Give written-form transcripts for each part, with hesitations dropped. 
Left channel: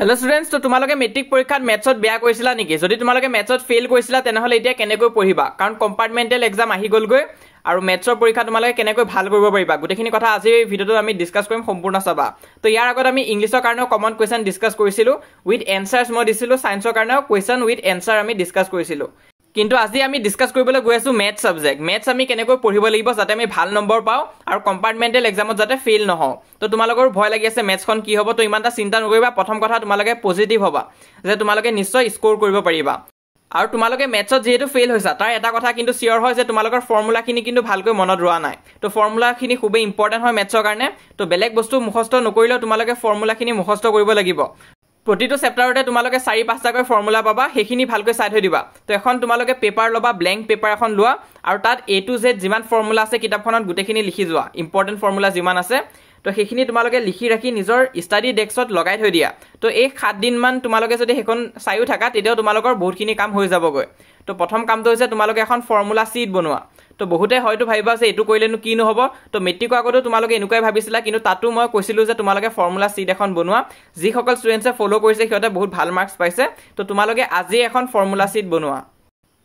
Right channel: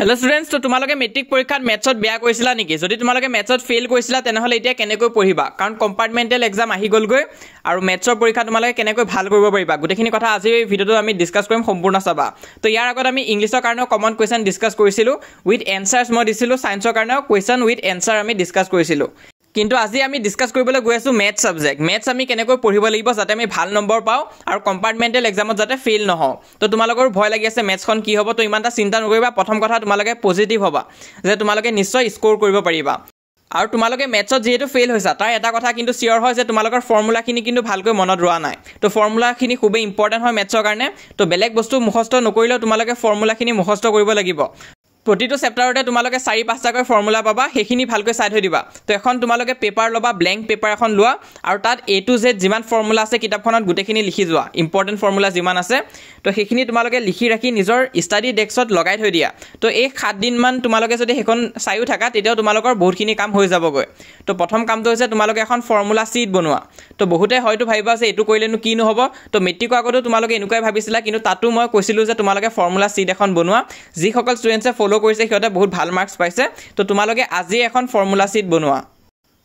Hello students, तो तुम्हारे metric परीक्षा मैथ्सत बेया करिसिला नेকি? যদি তোমালোকে मैथ्सत फेल কৰিছিলা তেনেহলে এতিয়া কেনেকৈ পঢ়িবা, কাৰণ কম্পাৰ্টমেন্টেল এক্সাম আহি গলগৈ আৰু मैथ्सৰ পৰীক্ষা তোমালোকে কেনেকৈ ভাল কৰিব পাৰিবা গোটেইখিনি কথা আজি এই ভিডিওটো আমি ডিসকাস কৰিম সম্পূৰ্ণ চাবা। তো ইয়াৰ আগত আমি ইংলিশৰ কাৰণে কমন কোৱেশ্চন ডিসকাস কৰিছিলো উইথ এনসাৰস মই দিছিলো, সায়েন্সৰ কাৰণে কোৱেশ্চন উইথ এনসাৰ আমি ডিসকাস কৰিছিলো। কিন্তু আজি আমি ডিসকাস কৰিবলৈ গৈ আছো ম্যাথ সাবজেক্ট। ম্যাথছ আমি কেনেকৈ পঢ়িব লাগিব যাতে আমি ভাল নম্বৰ পাও আৰু কম্পাৰ্টমেন্টেল এক্সামত যাতে ফেল নহও। তো তোমালোকৰ ভয় লাগি আছে ম্যাথছখন কি হ'ব, তো ইমানটা চিন্তা নকৰিবা। প্ৰথম কথা তোমালোকে পজিটিভ হ'বা যে তোমালোকে নিশ্চয় স্কোৰ কৰিব পাৰিবা। আৰু তোমালোকে ম্যাথছত যেহেতু ফেল হৈছা তাৰ এটা কথা কিন্তু সিওৰ হয় যে তোমালোকৰ ফৰ্মুলাখিনি কিন্তু ভালকৈ মনত ৰোৱা নাই। তো ফৰ্মুলাখিনি খুবেই ইম্পৰ্টেন্ট হয় ম্যাথছৰ কাৰণে। তো বেলেগ বস্তু মুখস্থ নকৰিলেও তোমালোকে ফৰ্মুলাখিনি মুখস্থ কৰিব লাগিব। প্ৰতিটো চেপ্টাৰতে তোমালোকে 4-5টাকৈ ফৰ্মুলা পাবা, সেইখিনি ভালকৈ চাই থৈ দিবা। তো এখন তোমালোকে পেপাৰ লবা, ব্ল্যাঙ্ক পেপাৰ এখন লোৱা আৰু তাত A to Z যিমান ফৰ্মুলা আছে কিতাপখনত গোটেইখিনি লিখি যোৱা, ইম্পৰ্টেন্ট ফৰ্মুলা যিমান আছে। তো সেইখিনি তোমালোকে লিখি ৰাখি নিজৰ ষ্টাডি ডেস্কত লগাই থৈ দিয়া। তো এই 7 দিন মান তোমালোকে যদি হেখন চাইও থাকা তেতিয়াও তোমালোকৰ বহুতখিনি কাম হৈ যাবগৈ। তো প্ৰথম কামটো হৈছে তোমালোকে এখন ফৰ্মুলা শীট বনোৱা। তো বহুতে হয়তো ভাবিবা যে এটো কৰিলেনো কি নহব। তো মেট্ৰিকৰ আগতো তোমালোকে এনেকুৱাই ভাবিছিলা, কিন্তু তাতো মই কৈছিলো যে তোমালোকে ফৰ্মুলা শীট এখন বনোৱা। যিসকল ষ্টুডেন্টছে ফলো কৰিছে সিহঁতে বহুত ভাল মাৰ্কস পাইছে। তো তোমালোকে আজি এখন ফৰ্মুলা শীট বনোৱা।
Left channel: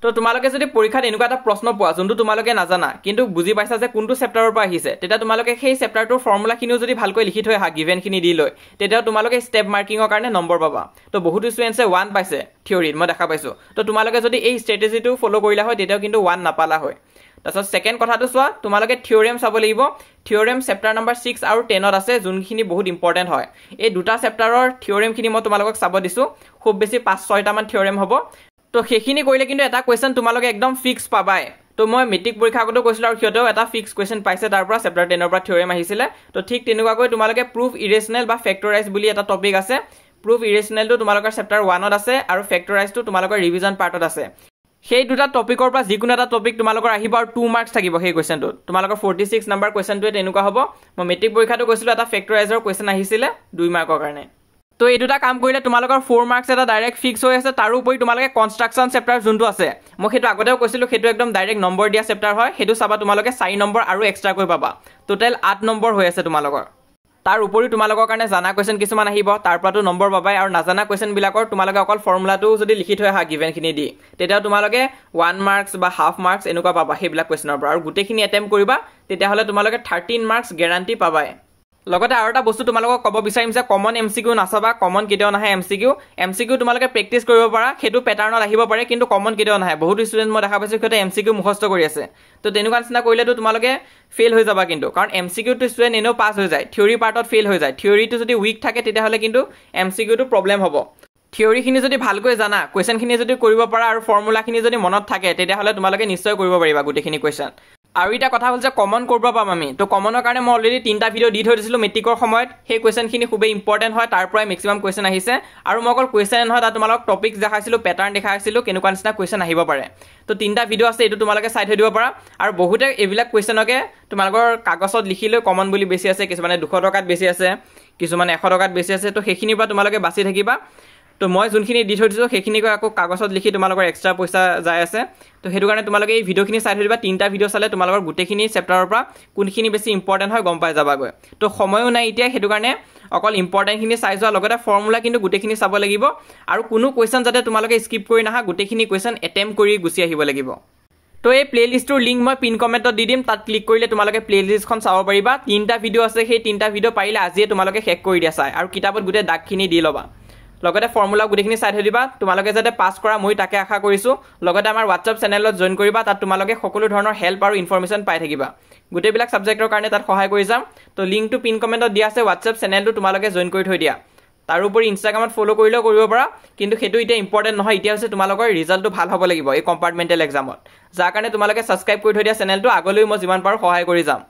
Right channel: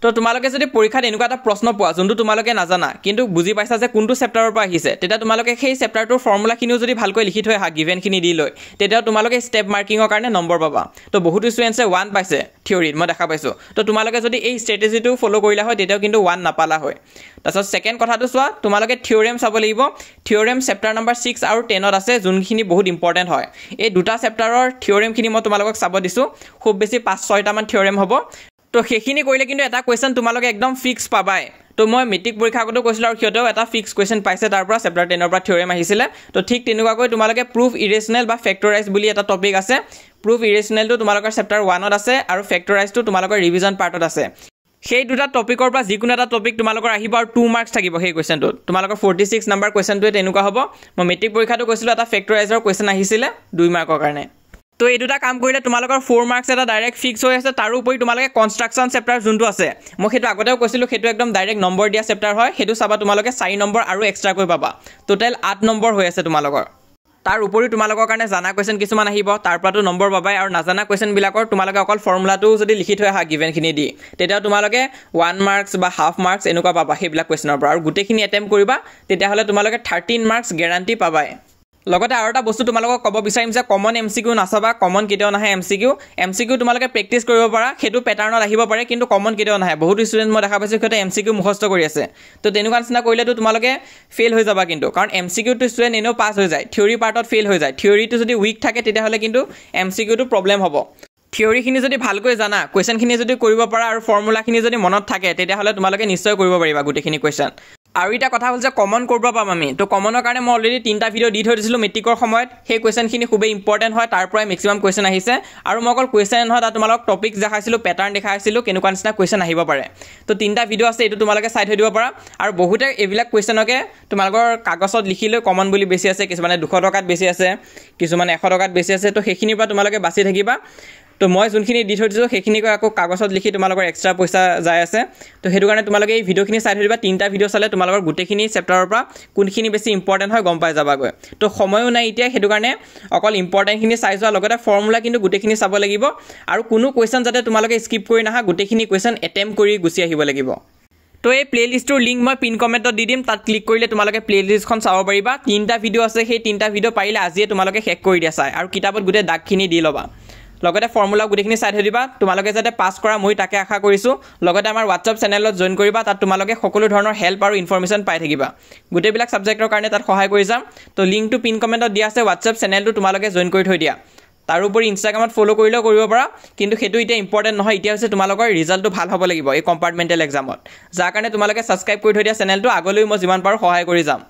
তো তোমালোকে যদি পৰীক্ষাত এনেকুৱা এটা প্ৰশ্ন পোৱা যোনটো তোমালোকে নাজানা কিন্তু বুজি পাইছা যে কোনটো চেপ্টাৰৰ পৰা আহিছে, তেতিয়া তোমালোকে সেই চেপ্টাৰটোৰ ফৰ্মুলাখিনিও যদি ভালকৈ লিখি থৈ আহা গিভেনখিনি দি লৈ, তেতিয়া তোমালোকে ষ্টেপ মাৰ্কিঙৰ কাৰণে নম্বৰ পাবা। তো বহুত ষ্টুডেন্টছে 1 পাইছে থিওৰিত, মই দেখা পাইছো। তো তোমালোকে যদি এই ষ্ট্ৰেটেজিটো ফলো কৰিলা হয় তেতিয়াও কিন্তু 1 নাপালা হয়। তাৰপিছত সেকেন্ড কথাটো চোৱা, তোমালোকে থিওৰেম চাব লাগিব। থিওৰেম চেপ্টাৰ নম্বৰ 6 আৰু 10ত আছে, যোনখিনি বহুত ইম্পৰ্টেন্ট হয়। এই দুটা চেপ্টাৰৰ থিওৰেমখিনি মই তোমালোকক চাব দিছো। খুব বেছি 5-6টা মান থিওৰেম হ'ব। তো সেইখিনি কৰিলে কিন্তু এটা কোৱেশ্চন তোমালোকে একদম ফিক্স পাবাই। তো মই মেট্ৰিক পৰীক্ষা আগতে কৈছিলো আৰু সিহঁতেও এটা ফিক্স কোৱেশ্চন পাইছে তাৰ পৰা, চেপ্টাৰ 10ৰ পৰা থিওৰেম আহিছিলে। তো ঠিক তেনেকুৱাকৈ তোমালোকে প্ৰুফ ইৰেচনেল বা ফেক্টৰাইজ বুলি এটা টপিক আছে। প্ৰুফ ইৰেচনেলটো তোমালোকৰ চেপ্টাৰ 1ত আছে আৰু ফেক্টৰাইজটো তোমালোকৰ ৰিভিজন পাৰ্টত আছে। সেই দুটা টপিকৰ পৰা যিকোনো এটা টপিক তোমালোকৰ আহিব আৰু 2 মাৰ্কস থাকিব সেই কোৱেশ্চনটোত। তোমালোকৰ 46 নম্বৰ কোৱেশ্চনটোৱে তেনেকুৱা হ'ব। মই মেট্ৰিক পৰীক্ষাটো কৈছিলো এটা ফেক্টৰাইজৰ কোৱেশ্চন আহিছিলে 2 মাৰ্কৰ কাৰণে। তো এই দুটা কাম কৰিলে তোমালোকৰ 4 মাৰ্কস এটা ডাইৰেক্ট ফিক্স হৈ আছে। তাৰ উপৰি তোমালোকে কনষ্ট্ৰাকচন চেপ্টাৰ যোনটো আছে, মই সেইটো আগতেও কৈছিলো, সেইটো একদম ডাইৰেক্ট নম্বৰ দিয়া চেপ্টাৰ হয়। সেইটো চাবা তোমালোকে 4 নম্বৰ আৰু এক্সট্ৰাকৈ পাবা। টোটেল 8 নম্বৰ হৈ আছে তোমালোকৰ। তাৰ উপৰি তোমালোকৰ কাৰণে জানা কোৱেশ্চন কিছুমান আহিব, তাৰ পৰাটো নম্বৰ পাবাই। আৰু নাজানা কোৱেশ্চন বিলাকৰ তোমালোকে অকল ফৰ্মুলাটো যদি লিখি থৈ আহা গিভেনখিনি দি, তেতিয়া তোমালোকে 1 মাৰ্কস বা হাফ মাৰ্কস এনেকুৱা পাবা সেইবিলাক কোৱেশ্চনৰ পৰা। আৰু গোটেইখিনি এটেম্প কৰিবা, তেতিয়াহ'লে তোমালোকে 13 মাৰ্কস গ্যাৰান্টি পাবাই। লগতে আৰু এটা বস্তু তোমালোকক ক'ব বিচাৰিম যে কমন এমসিকিউ নাচাবা। কমন কেতিয়াও নাহে এমসিকিউ তোমালোকে প্ৰেক্টিছ কৰিব পাৰা, সেইটো পেটাৰ্ণত আহিব পাৰে, কিন্তু কমন কেতিয়াও নাহে। বহুত ষ্টুডেন্ট মই দেখা পাইছো সিহঁতে এমসিকিউ মুখস্থ কৰি আছে। তো তেনেকুৱা নিচিনা কৰিলেতো তোমালোকে ফেল হৈ যাবা কিন্তু, কাৰণ এমসিকিউটো ষ্টুডেন্ট এনেও পাছ হৈ যায়, থিওৰি পাৰ্টত ফেল হৈ যায়। থিওৰিটো যদি উইক থাকে তেতিয়াহ'লে কিন্তু এমসিকিউটো প্ৰব্লেম হ'ব। থিওৰিখিনি যদি ভালকৈ জানা, কোৱেশ্চনখিনি যদি কৰিব পাৰা আৰু ফৰ্মুলাখিনি যদি মনত থাকে, তেতিয়াহ'লে তোমালোকে নিশ্চয় কৰিব পাৰিবা গোটেইখিনি কোৱেশ্চন। আৰু এটা কথা হ'ল যে কমন কৰিব পাম আমি। তো কমনৰ কাৰণে মই অলৰেডি 3টা ভিডিঅ' দি থৈ দিছিলো মেট্ৰিকৰ সময়ত। সেই কোৱেশ্চনখিনি খুবেই ইম্পৰ্টেন্ট হয়, তাৰ পৰাই মেক্সিমাম কোৱেশ্চন আহিছে। আৰু মই অকল কোৱেশ্চন নহয়, তাত তোমালোকক টপিক দেখাইছিলো, পেটাৰ্ণ দেখাইছিলো, কেনেকুৱা নিচিনা কোৱেশ্চন আহিব পাৰে। তো 3টা ভিডিঅ' আছে, এইটো তোমালোকে চাই থৈ দিব পাৰা। আৰু বহুতে এইবিলাক কোৱেশ্চনকে তোমালোকৰ কাগজত লিখি লৈ কমন বুলি বেছি আছে, কিছুমানে 200 টকাত বেছি আছে, কিছুমানে 100 টকাত বেছি আছে। তো সেইখিনিৰ পৰা তোমালোকে বাচি থাকিবা। তো মই যোনখিনি দি থৈ দিছোঁ সেইখিনিকৈ আকৌ কাগজত লিখি তোমালোকৰ এক্সট্ৰা পইচা যায় আছে। তো সেইটো কাৰণে তোমালোকে এই ভিডিঅ'খিনি চাই থৈ দিবা। 3টা ভিডিঅ' চালে তোমালোকৰ গোটেইখিনি চেপ্টাৰৰ পৰা কোনখিনি বেছি ইম্পৰ্টেন্ট হয় গম পাই যাবাগৈ। তো সময়ো নাই এতিয়া, সেইটো কাৰণে অকল ইম্পৰ্টেন্টখিনি চাই যোৱা, লগতে ফৰ্মুলা কিন্তু গোটেইখিনি চাব লাগিব। আৰু কোনো কুৱেশ্চন যাতে তোমালোকে স্কিপ কৰি নাহা, গোটেইখিনি কুৱেশ্চন এটেম্প কৰি গুচি আহিব লাগিব। তো এই প্লেলিষ্টটোৰ লিংক মই পিন কমেণ্টত দি দিম, তাত ক্লিক কৰিলে তোমালোকে প্লেলিষ্টখন চাব পাৰিবা। 3টা ভিডিঅ' আছে, সেই 3টা ভিডিঅ' পাৰিলে আজিয়ে তোমালোকে শেষ কৰি দিয়া চাই, আৰু কিতাপত গোটেই দাগখিনি দি ল'বা। লগতে ফৰ্মুলা গোটেইখিনি চাই থৈ দিবা। তোমালোকে যাতে পাছ কৰা মই তাকে আশা কৰিছোঁ। লগতে আমাৰ হোৱাটছআপ চেনেলত জইন কৰিবা, তাত তোমালোকে সকলো ধৰণৰ হেল্প আৰু ইনফৰমেশ্যন পাই থাকিবা। গোটেইবিলাক ছাবজেক্টৰ কাৰণে তাত সহায় কৰি যাম। তো লিংকটো পিন কমেণ্টত দিয়া আছে, হোৱাটছআপ চেনেলটো তোমালোকে জইন কৰি থৈ দিয়া। তাৰোপৰি ইনষ্টাগ্ৰামত ফ'ল' কৰিলেও কৰিব পাৰা, কিন্তু সেইটো এতিয়া ইম্পৰ্টেণ্ট নহয়। এতিয়া হৈছে তোমালোকৰ ৰিজাল্টটো ভাল হ'ব লাগিব এই কম্পাৰ্টমেণ্টেল এক্সামত, যাৰ কাৰণে তোমালোকে ছাবস্ক্ৰাইব কৰি থৈ দিয়া চেনেলটো। আগলৈ মই যিমান পাৰোঁ সহায় কৰি যাম।